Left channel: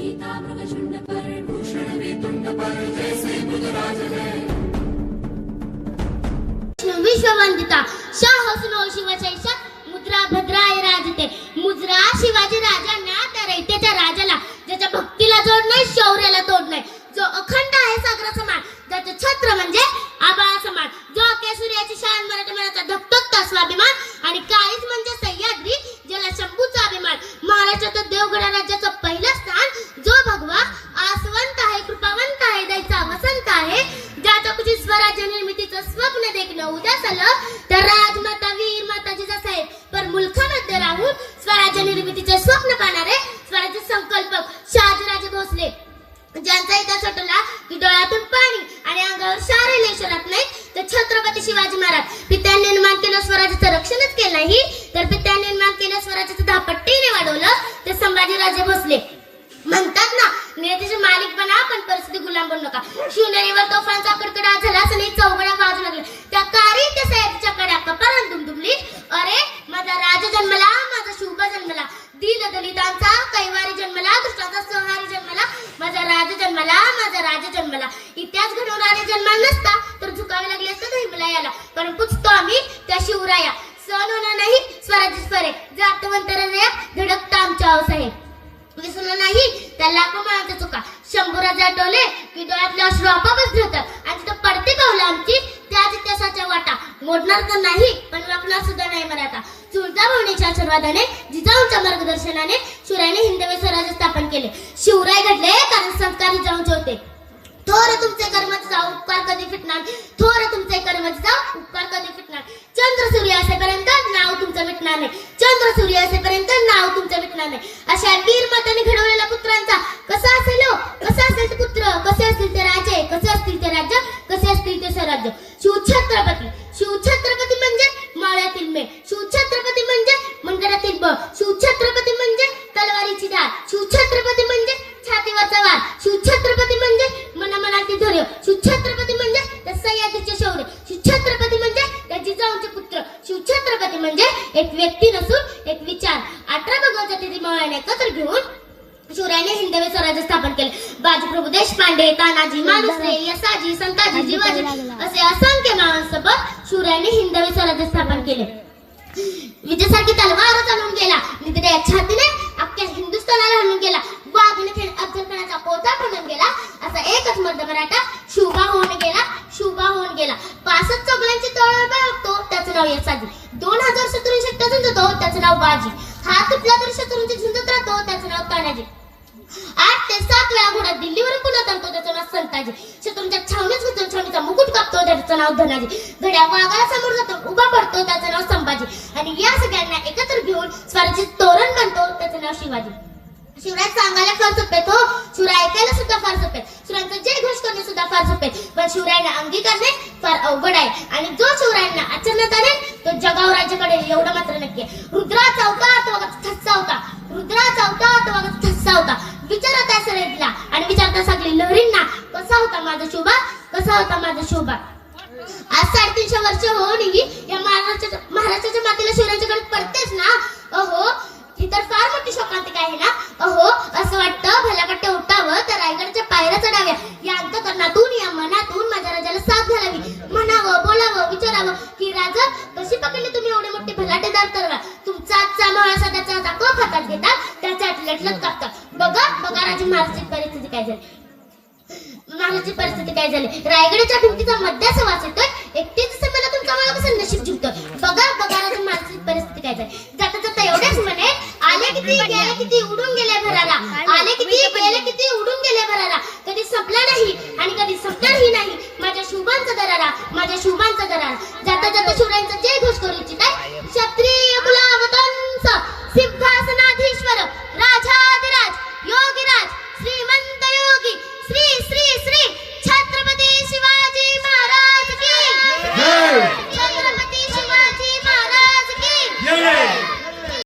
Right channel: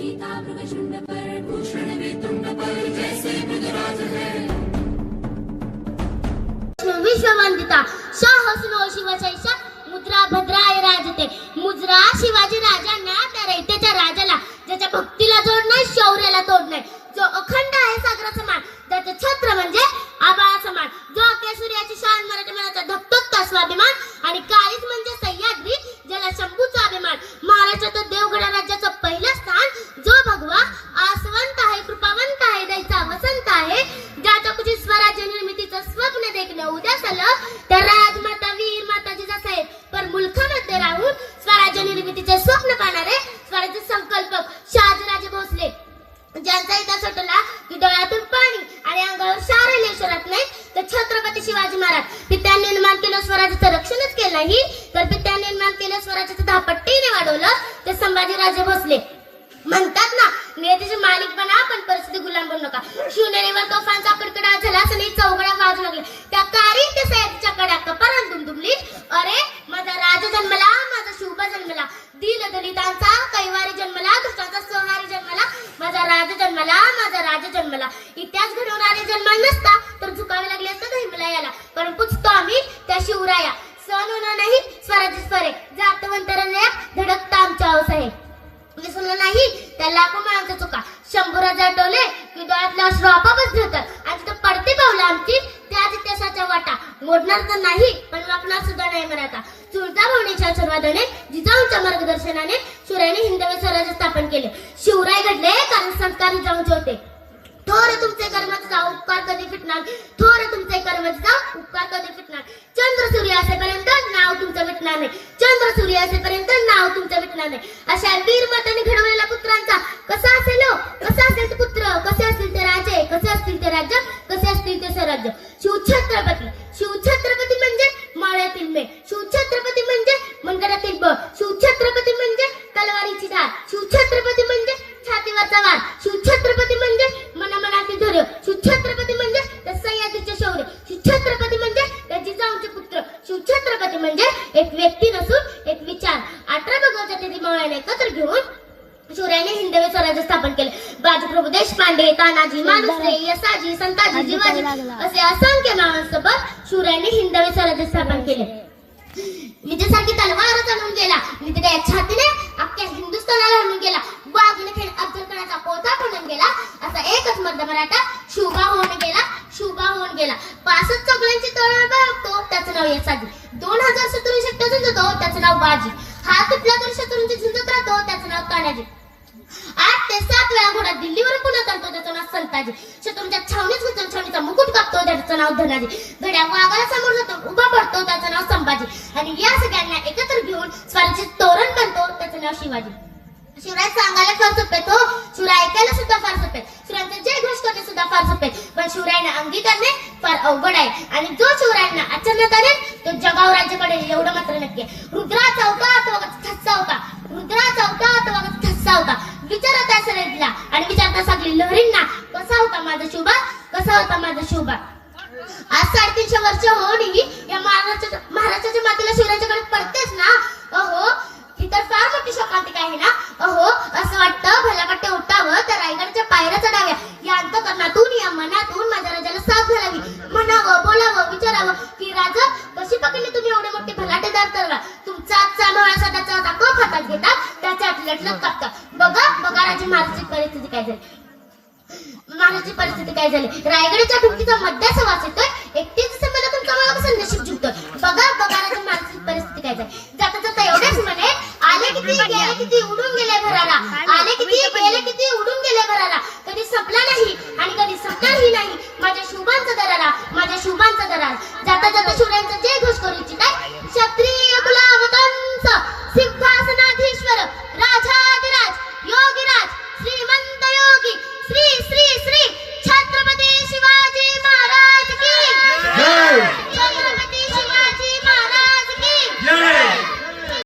सीता झुंड पर भूषण भी वेतुंड पर जैसे मृगराज है। विश्ववंदिता शाह सुनो शिवशैषा मुद्रा भद्राय राजते। मुद्रा शिवाजी राजा राजांना त्या रयतेच्या राजाला ज्याच्या भक्तीला जोड नाही शौर्याला तोड नाही जो अखंड स्वप्न देखणं उद्यास आलं तर राजमाता वीर माता जिजासाहेब पण मुलखामध्ये राहून स्वराज्य निर्मितीचे स्वप्न पाहणारे स्वराज्य संकल्पक शहाजीराजे भोसले. ज्यांचा इतिहास आठवला की डोळ्यातून पाणी आणि अंगावर शार लेशरात नाही तर छत्रपती शिवाजी महाराज. पित्यांनी निर्माण केलं स्वराज्याचं रक्षणच केलं नाही तर पित्यांनी निर्माण केलं स्वराज्याचं दहा पट्टीने वाढवलं ते संभाजीराजे भोसले. ना मालिक बना पण परिस्थिती गुलाम बनू नका. शिवनेरीवर तोफांचा कडकडा झाला असं चौकड्या वाजू लागले. त्या कारी त्या सयाजीच्या कड्या कपारात दुमदुमली अरे माझा राजा जन्मला माझा शुभ जन्मला. दीन दलितांचा कैवारी जन्मला दुष्टाचा संहारी जन्मला. माझा राज जन्मला माझा राजा जन्मला. इतिहास घडवणारे जन्म नसता तर झुकावे लागले असतं हिमला याला पण पुचतो आम्ही त्या शिवराया. सण होणार नाही स्वराज्य स्वरे जातवंतर धडकता आमच्या अवसाहेब विसरलं म्हणजे नाही त्या लाखो माणसं चुका शंभराचे आठवले की डोळ्यातले अश्रू आपापच धुतात आणि तिथं पडते पावलं आमची त्याच इतिहासाच्या वाटा. मोडणार तर नाही पण वाकणार सुद्धा नाही मराठा चुलता भवनीच्या आशीर्वादाने जिजाऊंच्या मार्गदर्शनाने शिवरायाने हिंदवी स्वराज्य स्थापन केले. शिवराय घडले कारण संस्कार जिजाऊंचे होते. थोर तुमचे कर्माचे जाऊ उपकार कधी फिटणार? थोर तुमचे कर्माचे जाऊ उपकार कधी फिटणार? चंद्र सूर्य असेपर्यंत नाव तुमचं मिटणार नाही चंद्र सूर्य असेपर्यंत नाव तुमचं मिटणार नाही. अशा वीर माताने घडवलेल्या पुत्रांचा कसा असेल हो? कसा असेल ते पुत्र? कसे असतील ते राजे? कसे असतील ते राज्य कसे असतील ते स्वराज्य? शिवछत्रपती. शिवछत्रपती म्हणजे माळ्यातील मे शिवछत्रपती म्हणजे मंडळातील ब शिवछत्रपती म्हणजे तलवारीची धार शिवछत्रपती म्हणजे छातीवरचा वार. शिवछत्रपती म्हणजे मनामनातील धैर्य. शिवछत्रपती म्हणजे त्या सह्याद्रीचे शौर्य. शिवछत्रपती म्हणजे त्या जिजाऊंचे पुत्र. शिवछत्रपती म्हणजे एक व्यक्ती नसून एकत्र घेऊन शिवरायाने हिंदवी स्वराज्य स्थापन केले. बाजीप्रभू देशपांडे तानाजी मालुसरे यसाजी संताजी जिवाजी असे असंख्य महासोबत शिवरायाने हिंदवी स्वराज्य स्थापन केले. विजयासारखी तलवारच आणून गेला. निधड्या छातीने अख्ख्या हिंदुस्थानाला आणून गेला. वाघने खेळ अफजल खानाचा पोता ठोडून गेला. असा एकच मर्द मराठा शुभा होऊन गेला. शुभा होऊन गेला. पासष्ट चौघड्यांची तळवळ बघतो त्याचं नाव यसाजी दोन हजार शत्रूंशी शक्य झुंजतो त्याचं नाव बाजी. हात तुटला तरी शत्रूंची झुंजत राहतो त्याचं नाव तानाजी. आठ ते सात वेळा घोडा दिल्लीवर पुन्हा करतो त्याचं नाव संताजी. शत्रूंच्या छावणीच होतो छावणीचा मुकुट कापतो त्याचं नाव धनाजी. घड्या वाघाला समोर जातो उभा पडतो त्याचं नाव संभाजी. आणि या सगळ्यांना एकत्र घेऊन स्वराज्य तोरण बनतो त्याचं नाव शिवाजी. शिवराज सांगायला फार सोपे तो शिवराय ऐकायला सुद्धा फार सोपे. शिवरायांचं जय घोष करणे सुद्धा फार सोपे. पण शिवरायांना अंगीकारणे फार अवघड आहे. आणि जो शिवरायांना अचानक करेल तो जगाव राज्याकडे एवढं मात्र नक्की रुद्राचा अवतार तो बघा ठस्सा होता. रुद्राचा अवतार तो बघा ठस्सा होता. विचारत असेल सगळ्यांना. आणि विचारता सगळी लहरींना कसा होता माझा शोभा? कसा होता माझा शोभा? आज साडेतीनशे वर्ष होऊनही या महाराष्ट्राच्या महाराष्ट्राच्या मातीला शिवरायांच्याकडे त्याच्या कापतात बघा बघा राजे महाराजची परिस्थिती काय झाली? महाराजची परिस्थिती काय झाली? रायगडाच्या भिंतीचा मध्याचा वास येतोय. एकटीच असं कमाला कसं नशीब जिंकतोय? बघा बघा राजे महाराजची परिस्थिती काय झाली? जाता जाता एवढेच म्हणे आले किती गेले किती उडून गेले भराला आले किती गेले किती उडून गेले भराला कधी संपला नाही आणि कधी संपणारही नाही. माझ्या शुभांचा दरारा माझ्या शुभांचा दरारा. जाता जाता शिवरायांचा जे